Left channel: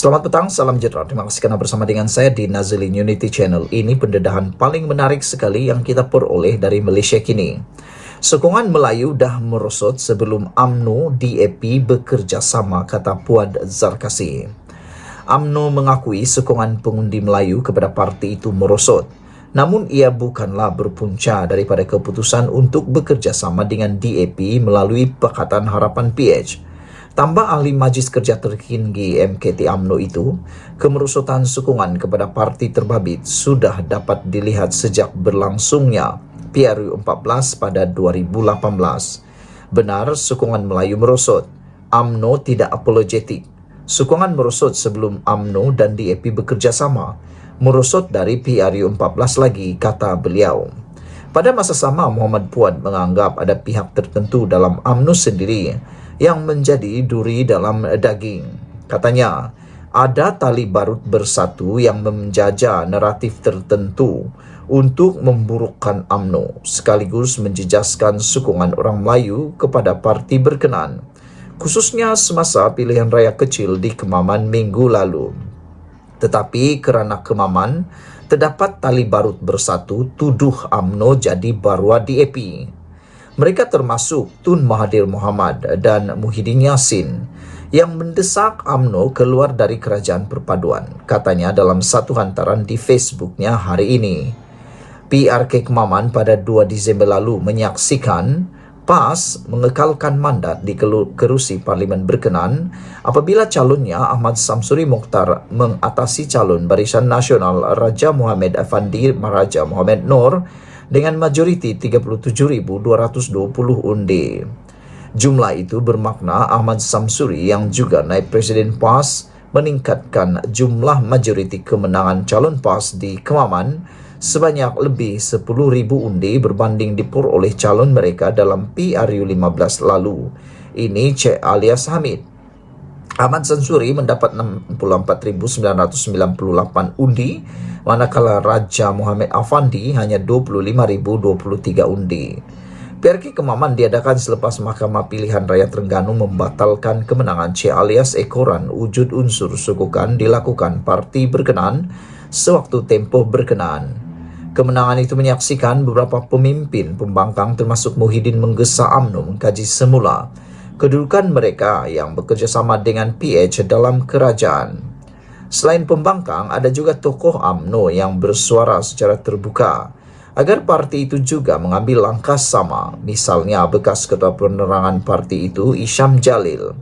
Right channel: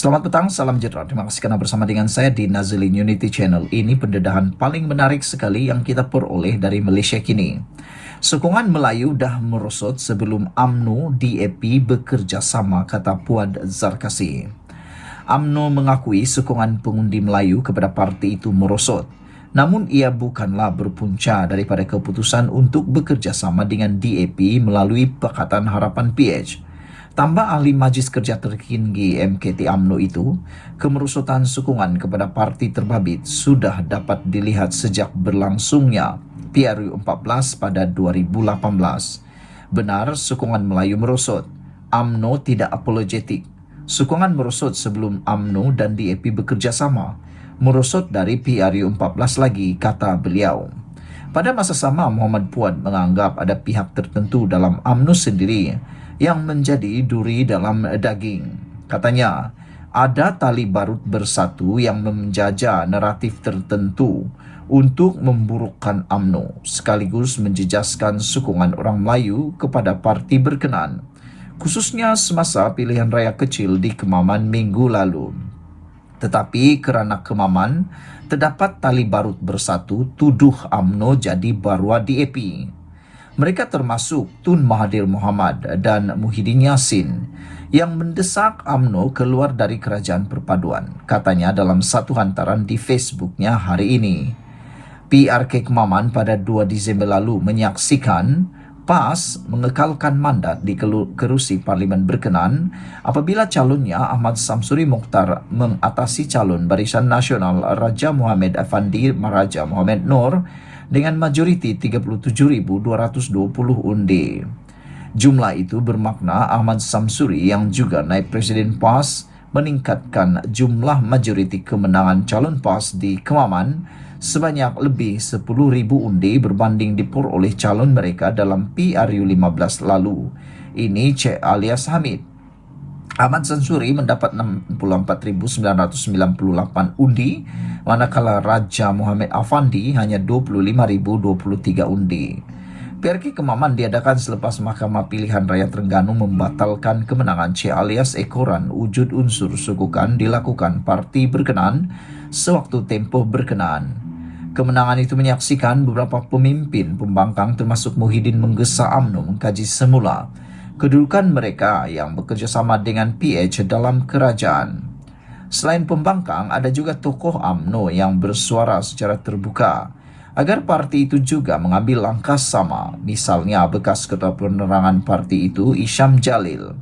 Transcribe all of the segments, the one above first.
Selamat petang, salam sejahtera. Terima kasih karena bersama dengan saya di Nazilin Unity Channel. Ini pendedahan paling menarik sekali yang kita peroleh dari Malaysia kini. Sokongan Melayu dah merosot sebelum UMNO DAP bekerja sama, kata Puad Zarkasi. UMNO mengakui sokongan pengundi Melayu kepada parti itu merosot. Namun ia bukanlah berpunca daripada keputusan untuk bekerja sama dengan DAP melalui Pakatan Harapan PH. Tambah ahli Majlis Kerja Tertinggi MKT UMNO itu, kemerosotan sokongan kepada parti terbabit sudah dapat dilihat sejak berlangsungnya PRU 14 pada 2018. Benar, sokongan Melayu merosot. UMNO tidak apologetik. Sokongan merosot sebelum UMNO dan DAP bekerja sama. Merosot dari PRU 14 lagi, kata beliau. Pada masa sama, Muhammad Puad menganggap ada pihak tertentu dalam UMNO sendiri yang menjadi duri dalam daging. Katanya, ada tali barut bersatu yang menjajah naratif tertentu untuk memburukkan UMNO, sekaligus menjejaskan sokongan orang Melayu kepada parti berkenaan, khususnya semasa pilihan raya kecil di Kemaman minggu lalu. Tetapi kerana Kemaman, terdapat tali barut bersatu tuduh UMNO jadi barua DAP. Mereka termasuk Tun Mahathir Mohamad dan Muhyiddin Yassin yang mendesak UMNO keluar dari Kerajaan Perpaduan, katanya dalam satu hantaran di Facebooknya hari ini. PRK Kemaman pada 2 Disember lalu menyaksikan PAS mengekalkan mandat di kerusi Parlimen berkenaan apabila calonnya Ahmad Samsuri Mokhtar mengatasi calon Barisan Nasional Raja Mohamed Effendi Raja Mohamed Noor dengan majoriti 37,220 undi. Jumlah itu bermakna Ahmad Samsuri yang juga naib Presiden PAS meningkatkan jumlah majoriti kemenangan calon PAS di Kemaman sebanyak lebih 10,000 undi berbanding diperoleh calon mereka dalam PRU 15 lalu. Ini Cik alias Hamid. Ahmad Samsuri mendapat 64,998 undi, manakala Raja Mohamed Effendi hanya 25,023 undi. PRK Kemaman diadakan selepas Mahkamah Pilihan Raya Terengganu membatalkan kemenangan Cik alias Ekoran wujud unsur sokongan dilakukan parti berkenaan sewaktu tempoh berkenaan. Kemenangan itu menyaksikan beberapa pemimpin pembangkang termasuk Muhyiddin menggesa UMNO mengkaji semula kedudukan mereka yang bekerjasama dengan PH dalam kerajaan. Selain pembangkang, ada juga tokoh UMNO yang bersuara secara terbuka agar parti itu juga mengambil langkah sama, misalnya bekas Ketua Penerangan parti itu Isham Jalil.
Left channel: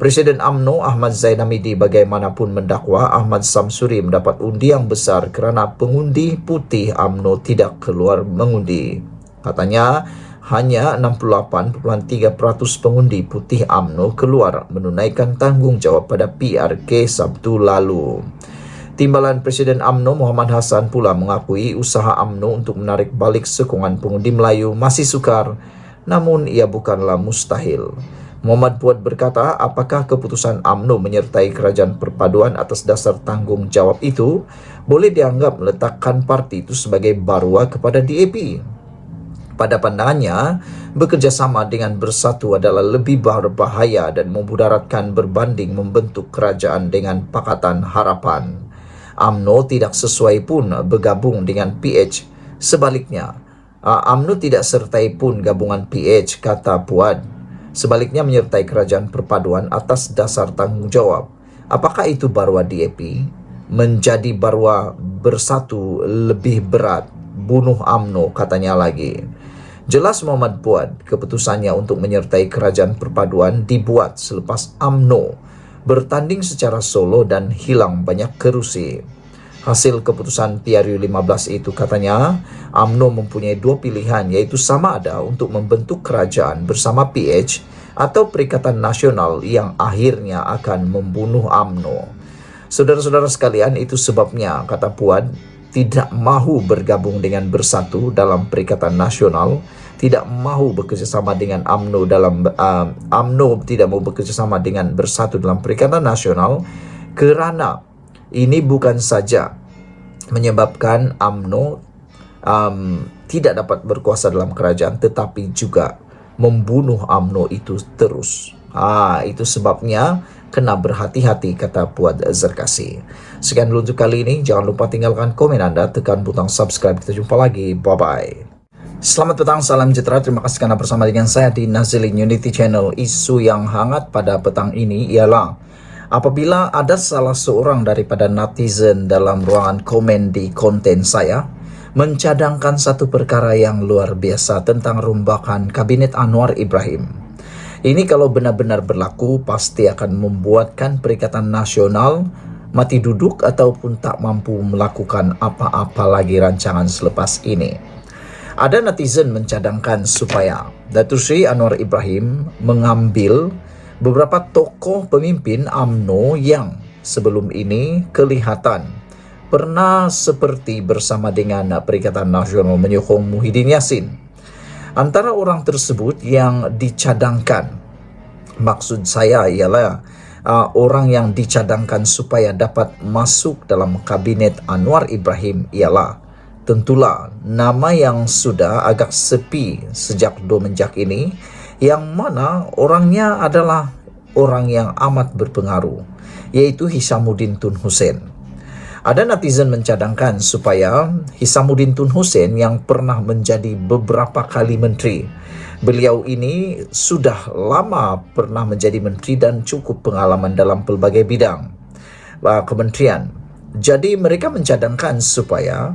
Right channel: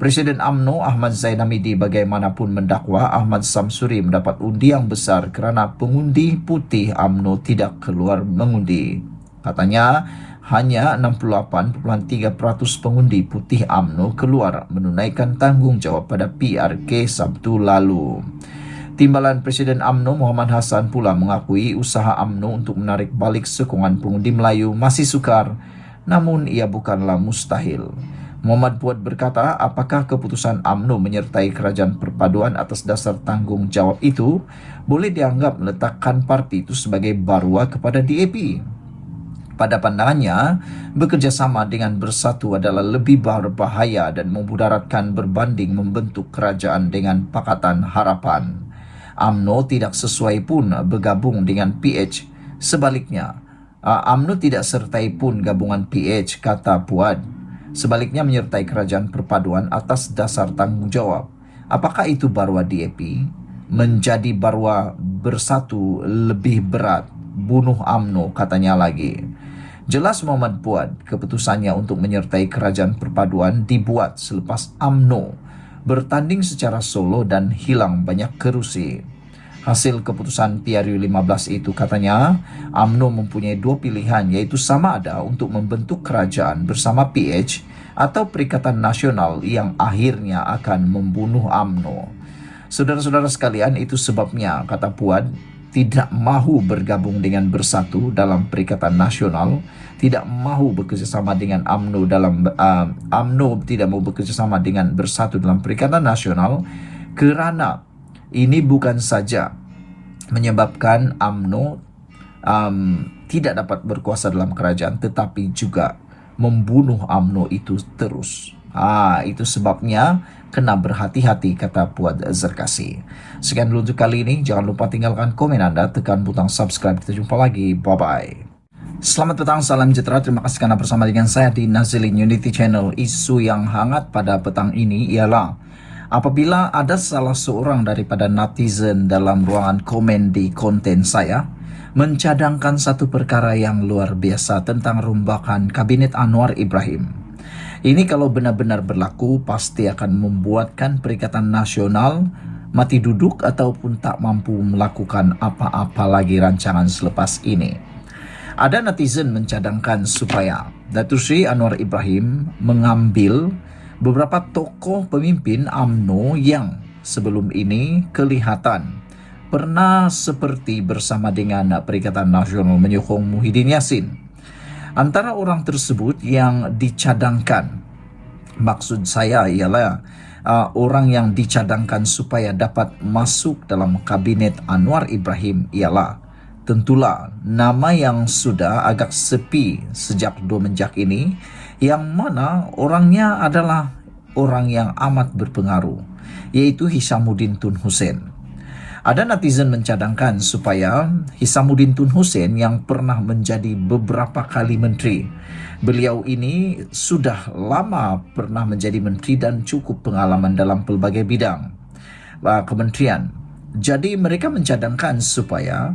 Presiden UMNO Ahmad Zainamidi bagaimanapun mendakwa Ahmad Samsuri mendapat undi yang besar kerana pengundi putih UMNO tidak keluar mengundi. Katanya, hanya 68.3% pengundi putih UMNO keluar menunaikan tanggungjawab pada PRK Sabtu lalu. Timbalan Presiden UMNO Muhammad Hassan pula mengakui usaha UMNO untuk menarik balik sokongan pengundi Melayu masih sukar, namun ia bukanlah mustahil. Muhammad Puad berkata, apakah keputusan UMNO menyertai Kerajaan Perpaduan atas dasar tanggungjawab itu boleh dianggap meletakkan parti itu sebagai barua kepada DAP? Pada pandangannya, bekerjasama dengan bersatu adalah lebih berbahaya dan memudaratkan berbanding membentuk kerajaan dengan Pakatan Harapan. UMNO tidak sesuai pun bergabung dengan PH. Sebaliknya, UMNO tidak sertai pun gabungan PH, kata Puad. Sebaliknya menyertai Kerajaan Perpaduan atas dasar tanggungjawab. Apakah itu barua DAP? Menjadi barua bersatu lebih berat. Bunuh UMNO, katanya lagi. Jelas Muhammad Puad, keputusannya untuk menyertai Kerajaan Perpaduan dibuat selepas UMNO bertanding secara solo dan hilang banyak kerusi. Hasil keputusan PRU 15 itu, katanya, UMNO mempunyai dua pilihan, iaitu sama ada untuk membentuk kerajaan bersama PH atau Perikatan Nasional yang akhirnya akan membunuh UMNO. Saudara-saudara sekalian, itu sebabnya, kata Puad, tidak mahu bergabung dengan bersatu dalam Perikatan Nasional, tidak mahu bekerjasama dengan UMNO UMNO tidak mahu bekerjasama dengan bersatu dalam Perikatan Nasional kerana ini bukan saja menyebabkan UMNO tidak dapat berkuasa dalam kerajaan, tetapi juga membunuh UMNO itu terus. Itu sebabnya kena berhati-hati, kata Puad Zarkasi. Sekian dulu untuk kali ini. Jangan lupa tinggalkan komen Anda, tekan butang subscribe. Kita jumpa lagi. Bye-bye. Selamat petang, salam sejahtera. Terima kasih karena bersama dengan saya di Nazilin Unity Channel. Isu yang hangat pada petang ini ialah apabila ada salah seorang daripada netizen dalam ruangan komen di konten saya mencadangkan satu perkara yang luar biasa tentang rombakan Kabinet Anwar Ibrahim. Ini kalau benar-benar berlaku pasti akan membuatkan Perikatan Nasional mati duduk ataupun tak mampu melakukan apa-apa lagi rancangan selepas ini. Ada netizen mencadangkan supaya Datuk Seri Anwar Ibrahim mengambil beberapa tokoh pemimpin UMNO yang sebelum ini kelihatan pernah seperti bersama dengan Perikatan Nasional menyokong Muhyiddin Yassin. Antara orang tersebut yang dicadangkan, maksud saya ialah orang yang dicadangkan supaya dapat masuk dalam Kabinet Anwar Ibrahim ialah tentulah nama yang sudah agak sepi sejak Domenjak ini, yang mana orangnya adalah orang yang amat berpengaruh, yaitu Hishamuddin Tun Hussein. Ada netizen mencadangkan supaya Hishamuddin Tun Hussein yang pernah menjadi beberapa kali menteri, beliau ini sudah lama pernah menjadi menteri dan cukup pengalaman dalam pelbagai bidang kementerian. Jadi mereka mencadangkan supaya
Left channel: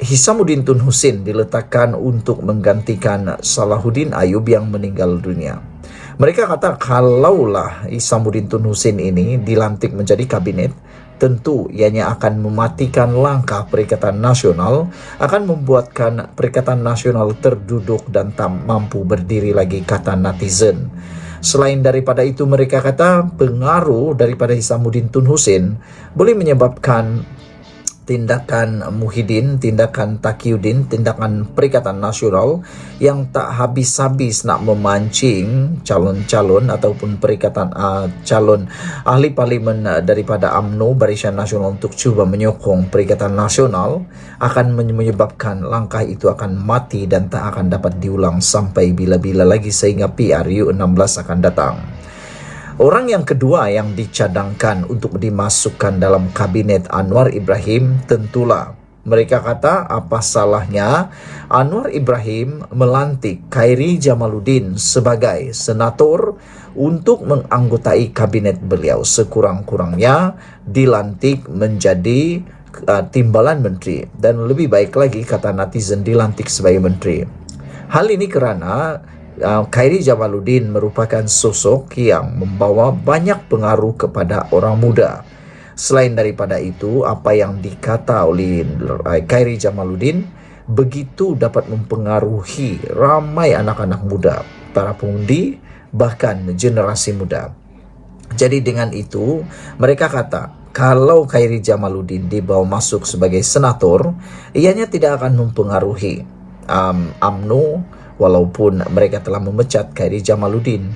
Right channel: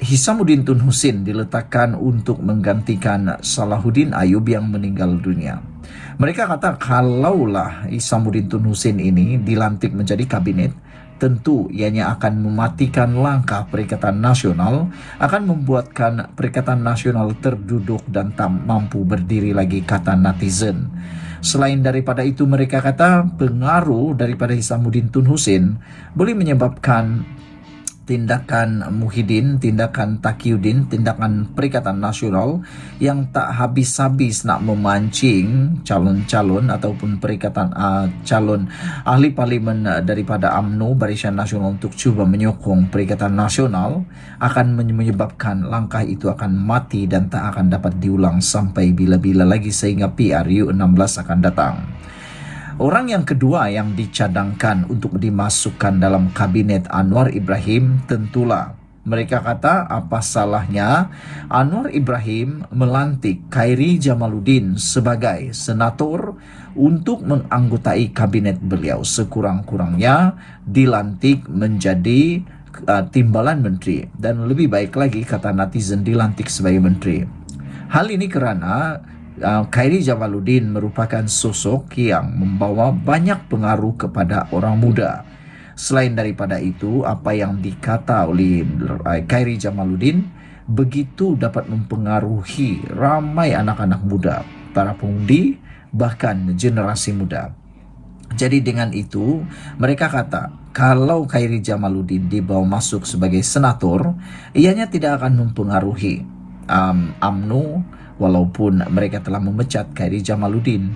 Hishamuddin Tun Hussein diletakkan untuk menggantikan Salahuddin Ayub yang meninggal dunia. Mereka kata kalaulah Hishamuddin Tun Hussein ini dilantik menjadi kabinet, tentu ianya akan mematikan langkah Perikatan Nasional, akan membuatkan Perikatan Nasional terduduk dan tak mampu berdiri lagi, kata netizen. Selain daripada itu, mereka kata pengaruh daripada Hishamuddin Tun Hussein boleh menyebabkan tindakan Muhyiddin, tindakan Taqiyuddin, tindakan Perikatan Nasional yang tak habis-habis nak memancing calon-calon ataupun calon ahli parlimen daripada UMNO, Barisan Nasional, untuk cuba menyokong Perikatan Nasional, akan menyebabkan langkah itu akan mati dan tak akan dapat diulang sampai bila-bila lagi sehingga PRU 16 akan datang. Orang yang kedua yang dicadangkan untuk dimasukkan dalam Kabinet Anwar Ibrahim, tentulah mereka kata apa salahnya Anwar Ibrahim melantik Khairi Jamaluddin sebagai senator untuk menganggotai kabinet beliau. Sekurang-kurangnya dilantik menjadi timbalan menteri, dan lebih baik lagi kata netizen dilantik sebagai menteri. Hal ini kerana Khairi Jamaluddin merupakan sosok yang membawa banyak pengaruh kepada orang muda. Selain daripada itu, apa yang dikata oleh Khairi Jamaluddin begitu dapat mempengaruhi ramai anak-anak muda, para pengundi, bahkan generasi muda. Jadi dengan itu, mereka kata kalau Khairi Jamaluddin dibawa masuk sebagai senator, ianya tidak akan mempengaruhi UMNO, walaupun mereka telah memecat Khairi Jamaluddin.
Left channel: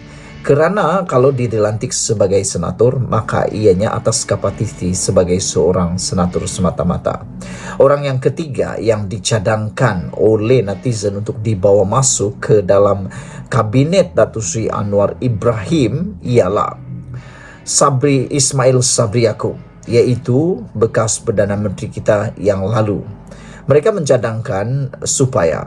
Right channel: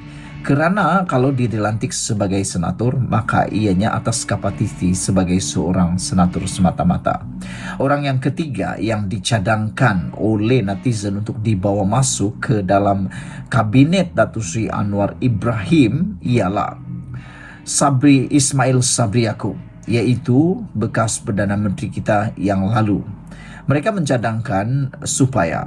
Kerana kalau dia dilantik sebagai senator, maka ianya atas kapasiti sebagai seorang senator semata-mata. Orang yang ketiga yang dicadangkan oleh netizen untuk dibawa masuk ke dalam Kabinet Datuk Seri Anwar Ibrahim ialah Ismail Sabri Yaakob, iaitu bekas Perdana Menteri kita yang lalu. Mereka mencadangkan supaya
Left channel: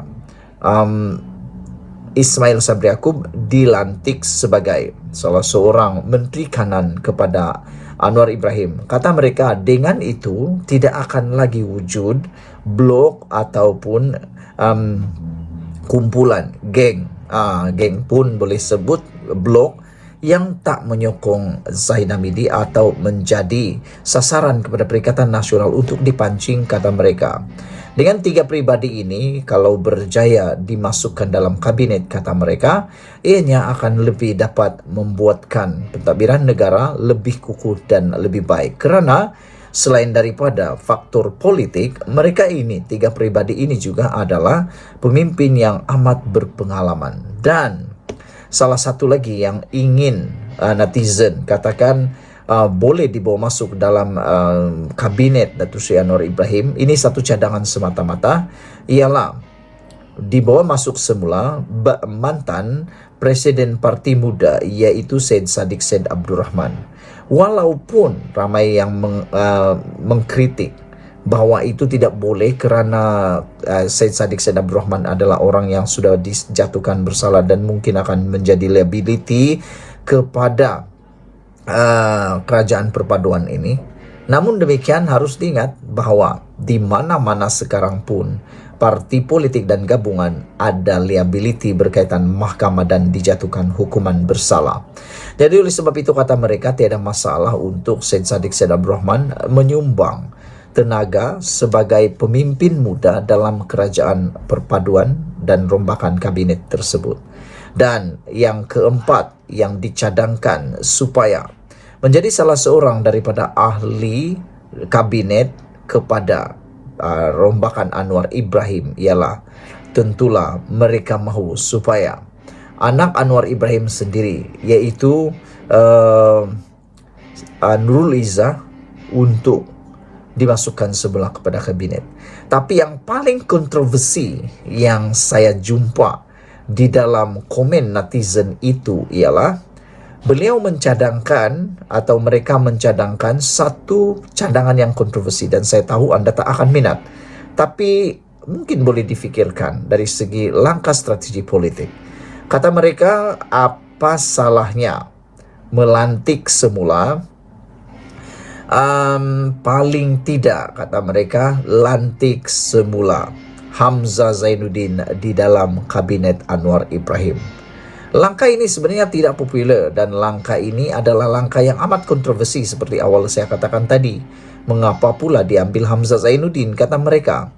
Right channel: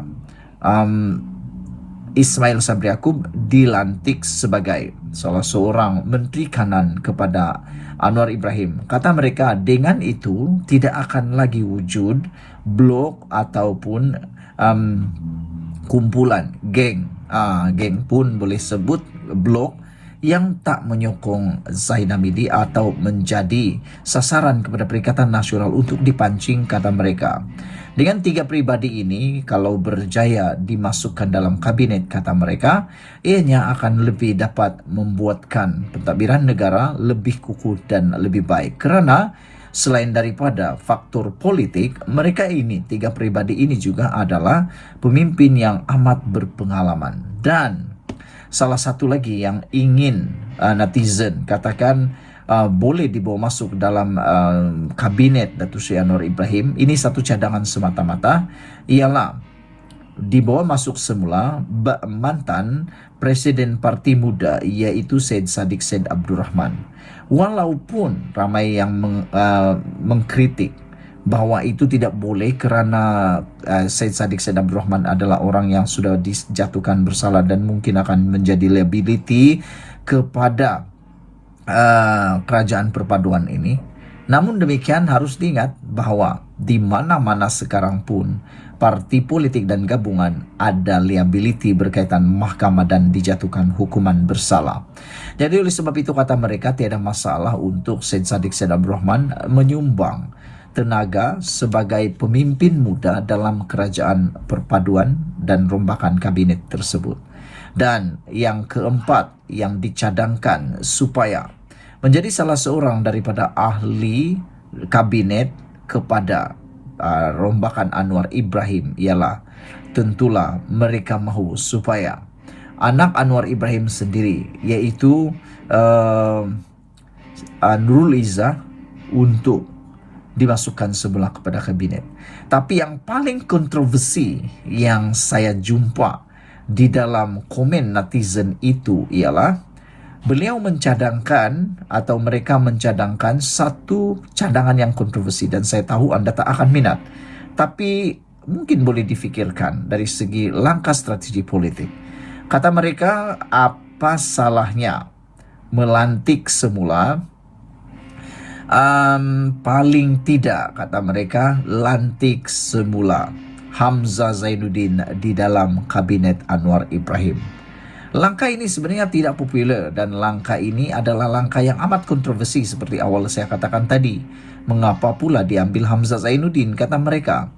Ismail Sabri Yaakob dilantik sebagai salah seorang menteri kanan kepada Anwar Ibrahim. Kata mereka dengan itu tidak akan lagi wujud blok ataupun kumpulan geng pun boleh sebut blok yang tak menyokong Zaid Hamidi atau menjadi sasaran kepada Perikatan Nasional untuk dipancing, kata mereka. Dengan tiga pribadi ini, kalau berjaya dimasukkan dalam kabinet, kata mereka, ianya akan lebih dapat membuatkan pentadbiran negara lebih kukuh dan lebih baik. Kerana selain daripada faktor politik, mereka ini, tiga pribadi ini juga adalah pemimpin yang amat berpengalaman. Dan salah satu lagi yang ingin netizen katakan boleh dibawa masuk dalam kabinet Datuk Seri Anwar Ibrahim, ini satu cadangan semata-mata, ialah dibawa masuk semula mantan Presiden Parti Muda, yaitu Syed Saddiq Syed Abdurrahman. Walaupun ramai yang mengkritik bahwa itu tidak boleh kerana Syed Saddiq Syed Abdurrahman adalah orang yang sudah dijatuhkan bersalah dan mungkin akan menjadi liability kepada kerajaan perpaduan ini. Namun demikian harus diingat bahwa di mana-mana sekarang pun parti politik dan gabungan ada liability berkaitan mahkamah dan dijatuhkan hukuman bersalah. Jadi oleh sebab itu kata mereka tiada masalah untuk Syed Saddiq Syed Abdurrahman menyumbang tenaga sebagai pemimpin muda dalam kerajaan perpaduan dan rombakan kabinet tersebut. Dan yang keempat yang dicadangkan supaya menjadi salah seorang daripada ahli kabinet kepada rombakan Anwar Ibrahim ialah tentulah mereka mahu supaya anak Anwar Ibrahim sendiri, iaitu Nurul Izzah, untuk dimasukkan sebelah kepada kabinet. Tapi yang paling kontroversi yang saya jumpa di dalam komen netizen itu ialah beliau mencadangkan atau mereka mencadangkan satu cadangan yang kontroversi, dan saya tahu anda tak akan minat, tapi mungkin boleh difikirkan dari segi langkah strategi politik. Kata mereka, apa salahnya melantik semula paling tidak, kata mereka, lantik semula Hamzah Zainuddin di dalam kabinet Anwar Ibrahim. Langkah ini sebenarnya tidak popular dan langkah ini adalah langkah yang amat kontroversi seperti awal saya katakan tadi. Mengapa pula diambil Hamzah Zainuddin, kata mereka.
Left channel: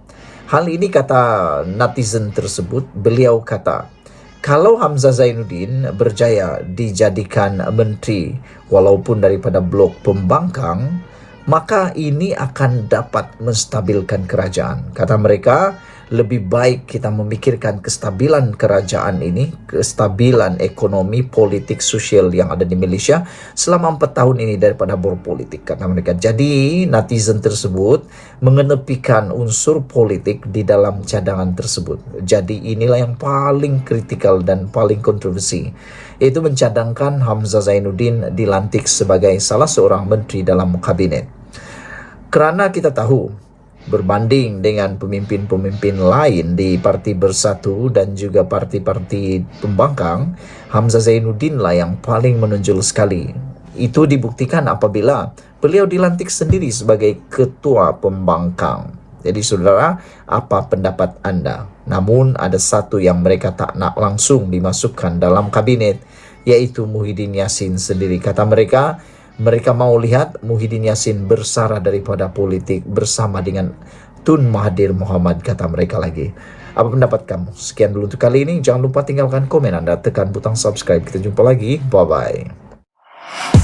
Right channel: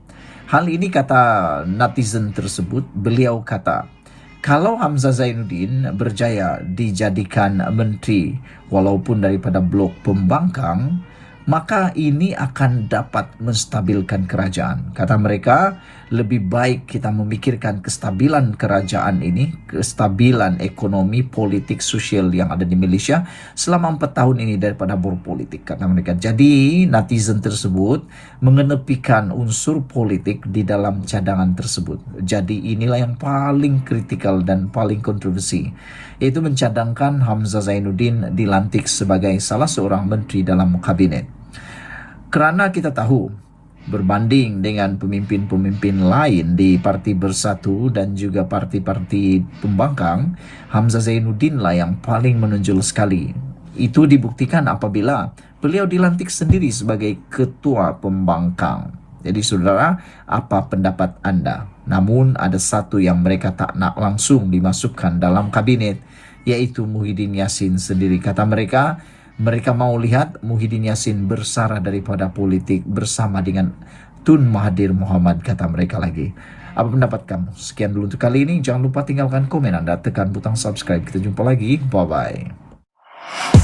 Hal ini kata netizen tersebut, beliau kata, kalau Hamzah Zainuddin berjaya dijadikan menteri walaupun daripada blok pembangkang, maka ini akan dapat menstabilkan kerajaan. Kata mereka, lebih baik kita memikirkan kestabilan kerajaan ini, kestabilan ekonomi, politik, sosial yang ada di Malaysia selama 4 tahun ini daripada berpolitik, kata mereka. Jadi netizen tersebut mengenepikan unsur politik di dalam cadangan tersebut. Jadi inilah yang paling kritikal dan paling kontroversi, yaitu mencadangkan Hamzah Zainuddin dilantik sebagai salah seorang menteri dalam kabinet. Kerana kita tahu berbanding dengan pemimpin-pemimpin lain di Parti Bersatu dan juga parti-parti pembangkang, Hamzah Zainuddin lah yang paling menonjol sekali. Itu dibuktikan apabila beliau dilantik sendiri sebagai ketua pembangkang. Jadi saudara, apa pendapat anda? Namun ada satu yang mereka tak nak langsung dimasukkan dalam kabinet, yaitu Muhyiddin Yassin sendiri. Kata mereka, mereka mau lihat Muhyiddin Yassin bersara daripada politik bersama dengan Tun Mahathir Mohamad, kata mereka lagi. Apa pendapat kamu? Sekian dulu untuk kali ini. Jangan lupa tinggalkan komen anda, tekan butang subscribe. Kita jumpa lagi. Bye-bye.